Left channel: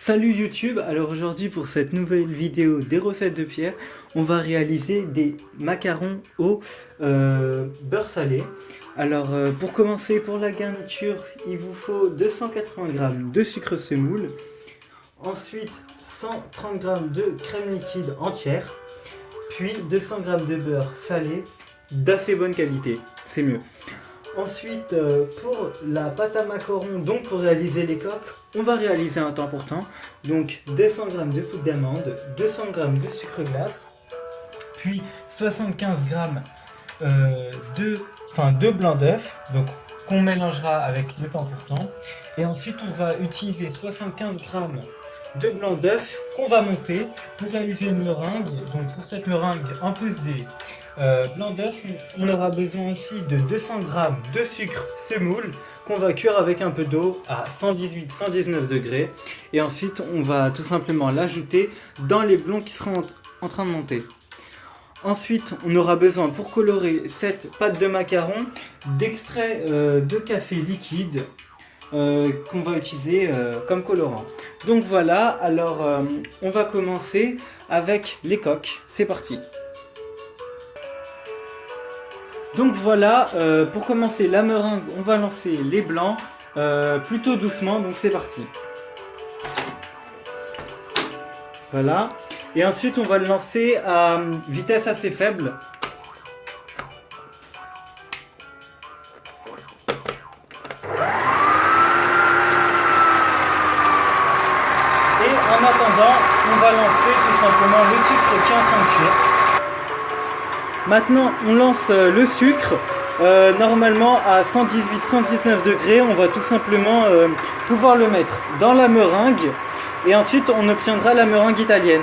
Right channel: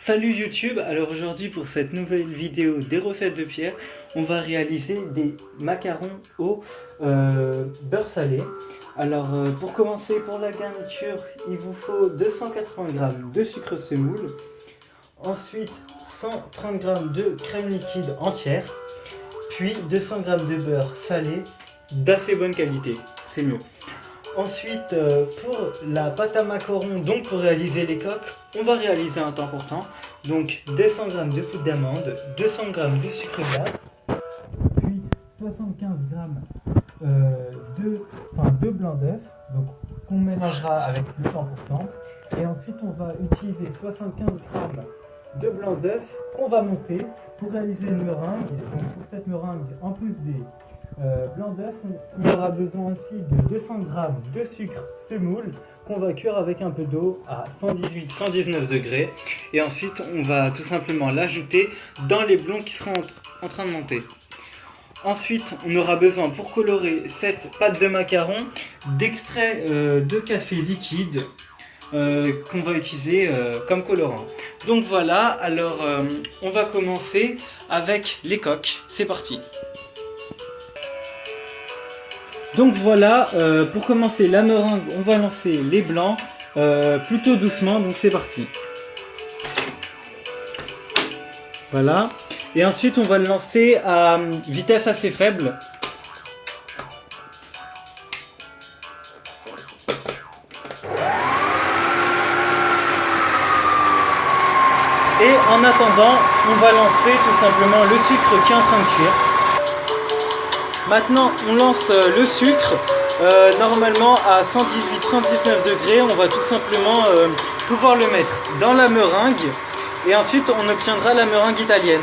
Salut YouTube, alors aujourd'hui pour cette nouvelle vidéo des recettes de Pierre, on va réaliser des macarons au beurre salé. Alors pour commencer, pour la garniture, il vous faut 280 g de sucre semoule, ensuite 130 g de crème liquide entière, puis 200 g de beurre salé d'assez bonne qualité, c'est mieux. Ensuite, pour la pâte à macarons, donc pour réaliser les coques, on va réaliser un temps pour temps. Donc 200 g de poudre d'amande, 200 g de sucre glace, puis 75 g de blanc d'œuf, donc qu'on mélangera avec le temps pour temps. Et ensuite, on va utiliser 75 g de blanc d'œuf qu'on va monter pour réaliser une meringue. Donc pour cette meringue, en plus des blanc d'œuf, on aura besoin aussi de 200 g de sucre semoule qu'on va cuire avec un peu d'eau à 118-119 degrés. Et ensuite, on va tout simplement l'ajouter dans les blonds qui seront en train de monter. Ensuite, on aura besoin pour colorer cette pâte de macaron d'extrait de café liquide qu'on va utiliser comme colorant. Donc voilà, alors on va commencer avec les coques. C'est parti. Donc voilà, pour commencer la meringue, on va lancer les blancs plutôt doucement, donc c'est parti. Voilà, et ensuite on va le lancer à vitesse assez faible. Et en attendant, on va lancer tout simplement le sucre qui est en train de cuire. Maintenant, on lance le sucre, normalement à 118-119 degrés. On va tout simplement pouvoir le mettre dans la meringue et ensuite on obtiendra la meringue italienne.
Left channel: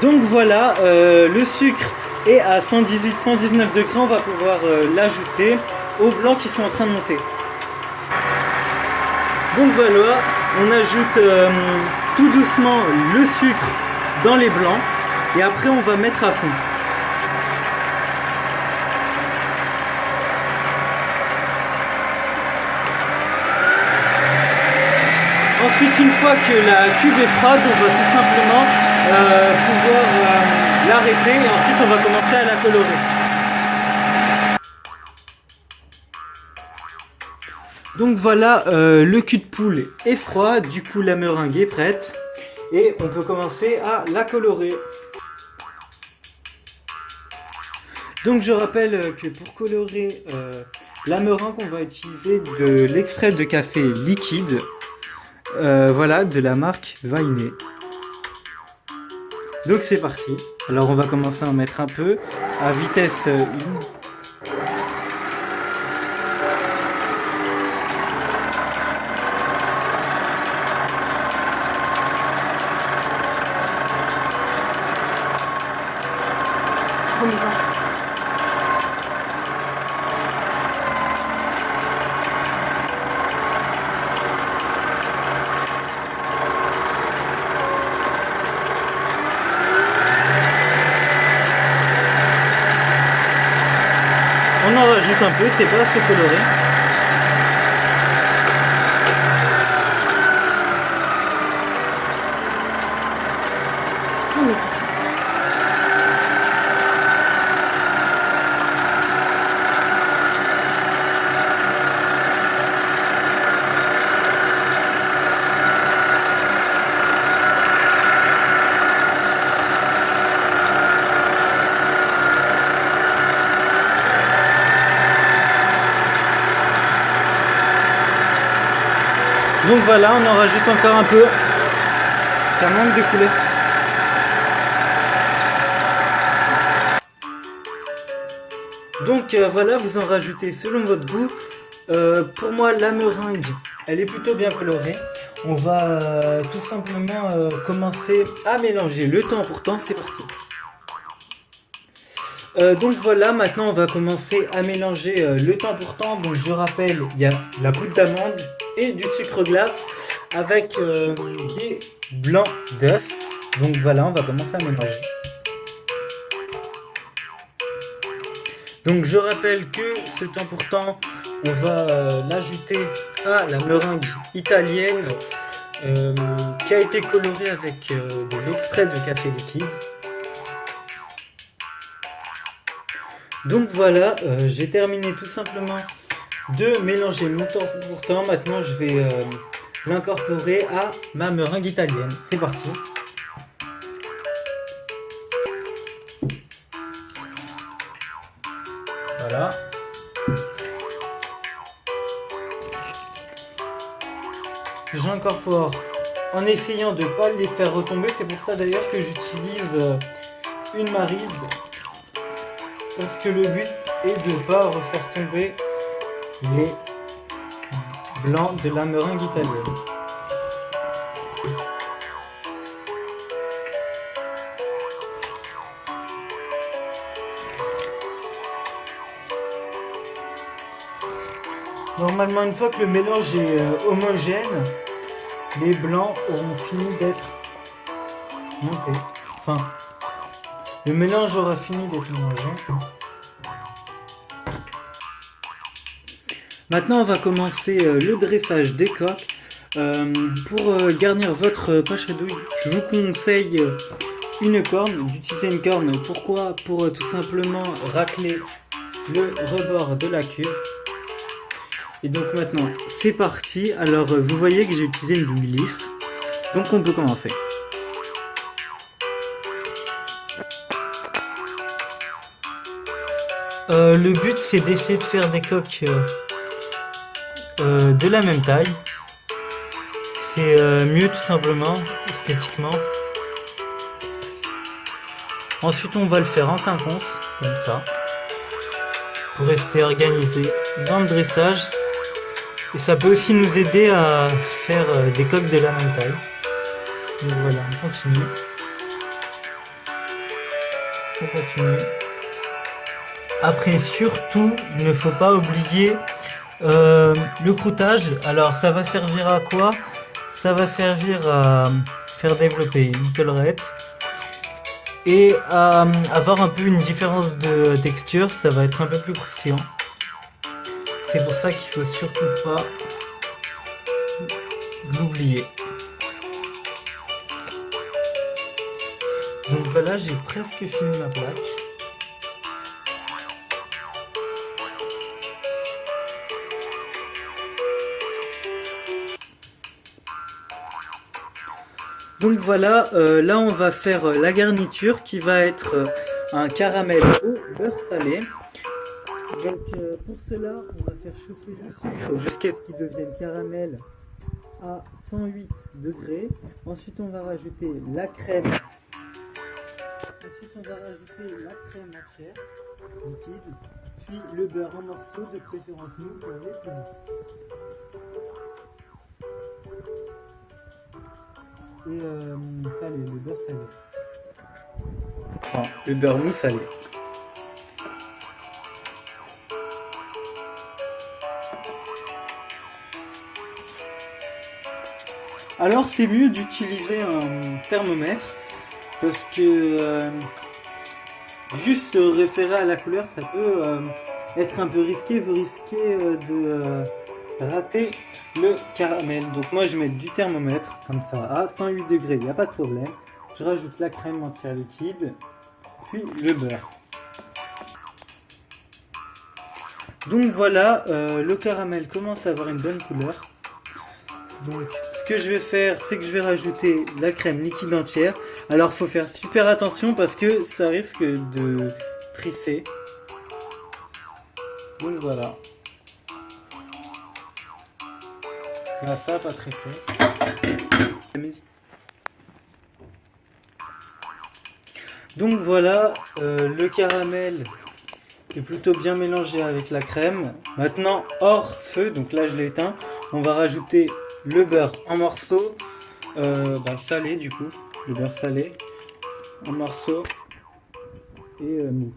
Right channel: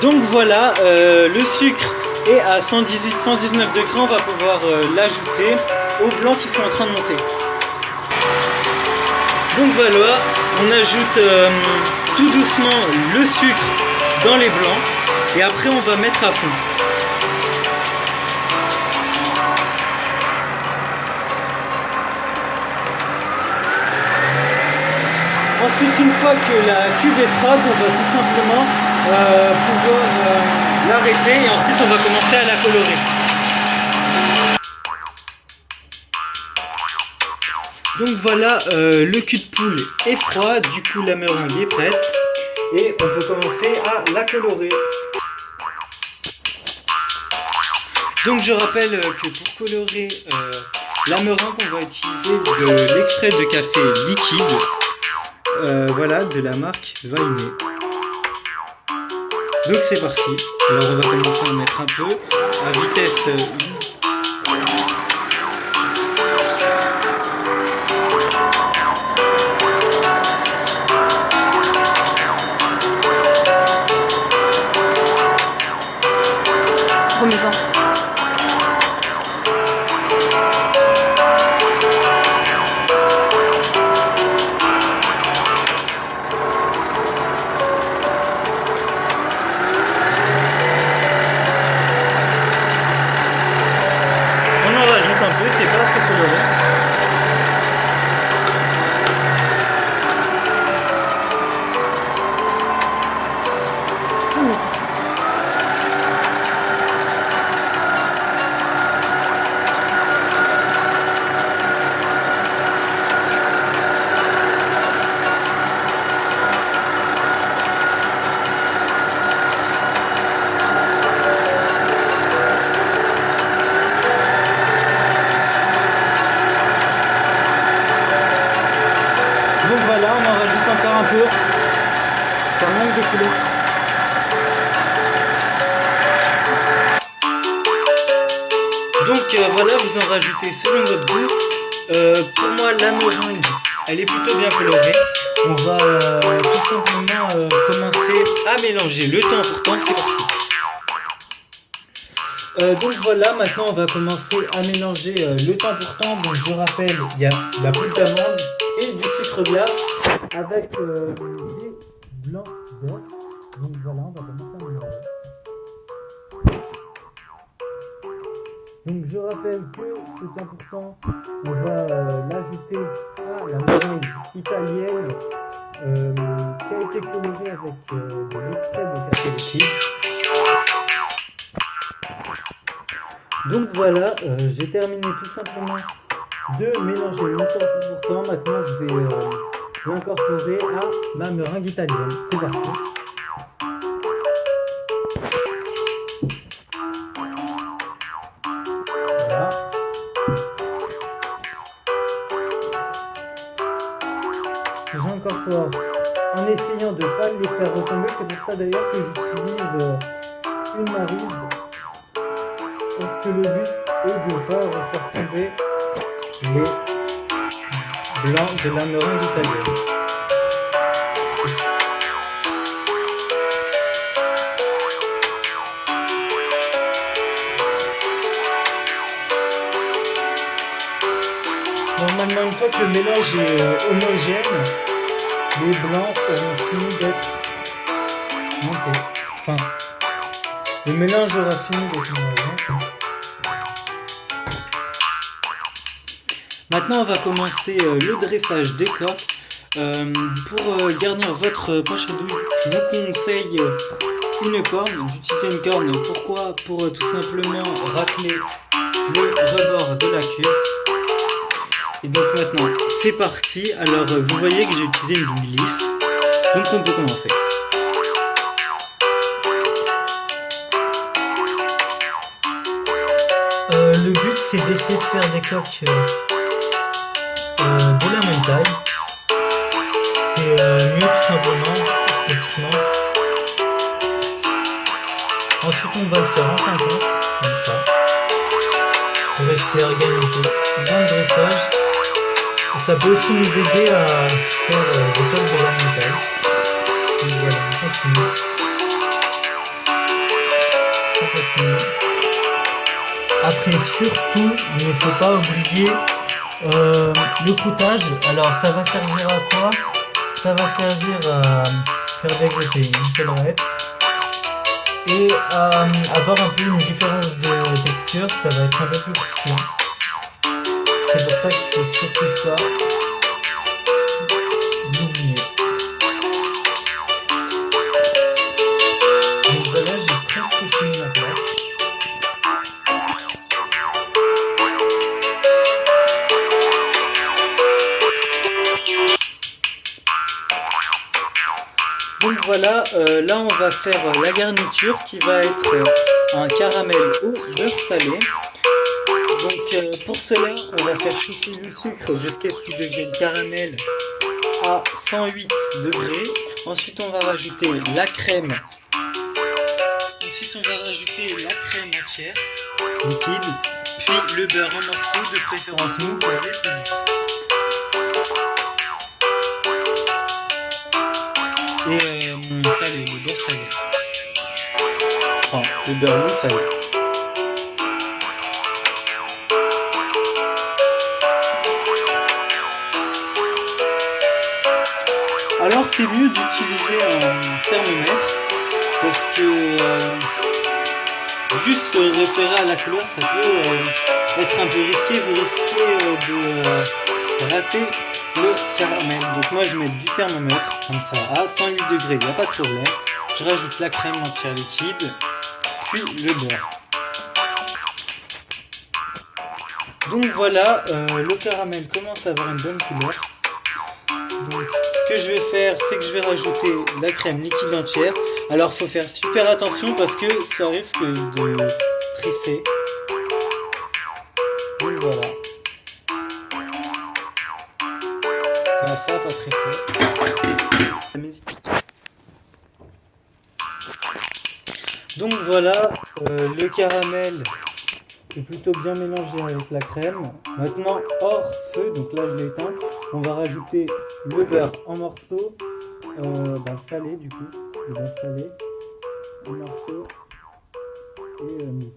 Donc voilà, le sucre est à 118-119 degrés. On va pouvoir l'ajouter aux blancs qui sont en train de monter. Donc voilà, on ajoute tout doucement le sucre dans les blancs. Et après on va mettre à fond. Ensuite, une fois que la cuve est froide, on va tout simplement pouvoir l'arrêter et ensuite on va commencer à la colorer. Donc voilà, le cul de poule est froid, du coup la meringue est prête et on peut commencer à la colorer. Donc je rappelle que pour colorer la meringue, on va utiliser de l'extrait de café liquide, voilà, de la marque Vainé. Donc c'est parti. Alors on va commencer à mettre un peu à vitesse 1. Remisant. On en rajoute un peu, c'est pas assez coloré. Donc voilà, on en rajoute encore un peu. Ça manque de couleur. Donc voilà, vous en rajoutez selon votre goût. Pour moi, la meringue, elle est plutôt bien colorée. On va tout simplement commencer à mélanger le temps pour temps. C'est parti. Donc voilà, maintenant on va commencer à mélanger le temps pour temps. Donc je rappelle, il y a de la poudre d'amande et du sucre glace avec des blancs d'œufs. Donc voilà, on va commencer à mélanger. Donc je rappelle que ce temps pourtant, on va l'ajouter à la meringue italienne qui a été colorée avec de l'extrait de café liquide. Donc voilà, j'ai terminé tout simplement de mélanger mon temps pourtant. Maintenant je vais l'incorporer à ma meringue italienne. C'est parti. Voilà. J'incorpore en essayant de ne pas les faire retomber. C'est pour ça d'ailleurs que j'utilise une maryse. Parce que le but est de ne pas refaire tomber les blancs de la meringue italienne. Normalement, une fois que le mélange est homogène, les blancs auront fini d'être montés. Enfin, le mélange aura fini d'être homogène. Maintenant, on va commencer le dressage des coques. Pour garnir votre poche à douille, je vous conseille d'utiliser une corne. Pourquoi? Pour tout simplement racler le rebord de la cuve. Et donc maintenant, c'est parti. Alors, vous voyez que j'ai utilisé une douille lisse. Donc, on peut commencer. Le but, c'est d'essayer de faire des coques de la même taille. C'est mieux tout simplement, esthétiquement. Ensuite, on va le faire en quinconce, comme ça, pour rester organisé dans le dressage. Et ça peut aussi nous aider à faire des coques de la même taille. Donc voilà, on continue. On continue. Après, surtout, il ne faut pas oublier le croûtage. Alors, ça va servir à quoi? Ça va servir à faire développer une collerette et à avoir un peu une différence de texture. Ça va être un peu plus croustillant. C'est pour ça qu'il ne faut surtout pas l'oublier. Donc voilà, j'ai presque fini la plaque. Donc voilà, là on va faire la garniture qui va être un caramel au beurre salé. Donc pour cela, on va faire chauffer le sucre jusqu'à ce qu'il devienne caramel à 108 degrés. Ensuite on va rajouter la crème. Ensuite on va rajouter la crème entière, liquide, puis le beurre en morceaux, de préférence mou pour aller plus vite. Et salé, le beurre salé. Enfin, le beurre mou salé. Alors c'est mieux d'utiliser un thermomètre parce que juste se référer à la couleur, ça peut être un peu risqué. Vous risquez de rater le caramel. Donc moi je mets du thermomètre comme ça à 108 degrés, il n'y a pas de problème. Je rajoute la crème entière liquide, puis le beurre. Donc voilà, le caramel commence à avoir une bonne couleur. Donc ce que je vais faire, c'est que je vais rajouter la crème liquide entière. Alors il faut faire super attention parce que ça risque de trisser. Donc voilà. Là, ça pas trisser. Donc voilà, le caramel est plutôt bien mélangé avec la crème. Maintenant hors feu, donc là je l'ai éteint, on va rajouter le beurre en morceaux, salé du coup, le beurre salé en morceaux et mis.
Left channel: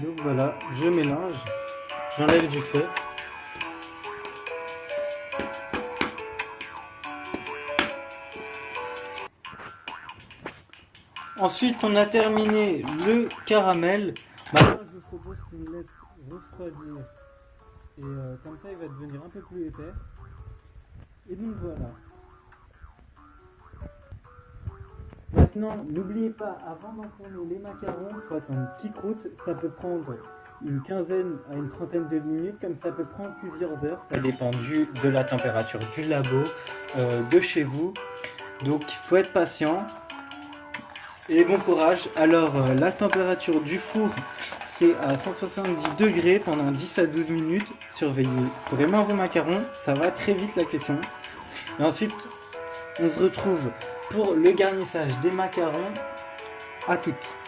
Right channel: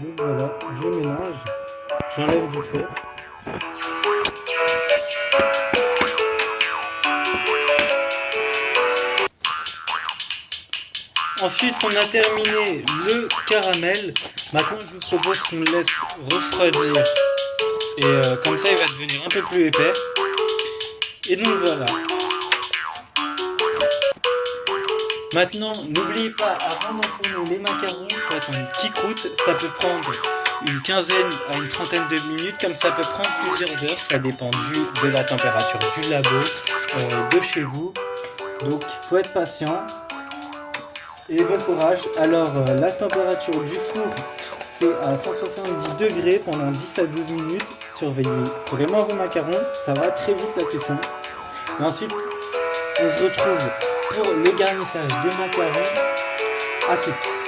Donc voilà, je mélange, j'enlève du feu. Ensuite, on a terminé le caramel. Maintenant, je vous propose qu'on le laisse refroidir. Et comme ça, il va devenir un peu plus épais. Et donc voilà. Maintenant, n'oubliez pas, avant d'enfourner les macarons, il faut attendre qu'ils croûtent. Ça peut prendre une quinzaine à une trentaine de minutes, comme ça peut prendre plusieurs heures. Ça dépend de la température du labo, de chez vous. Donc, il faut être patient. Et bon courage. Alors, la température du four, c'est à 170 degrés pendant 10 à 12 minutes. Surveillez vraiment vos macarons, ça va très vite la cuisson. Et ensuite, on se retrouve pour le garnissage des macarons. À tout.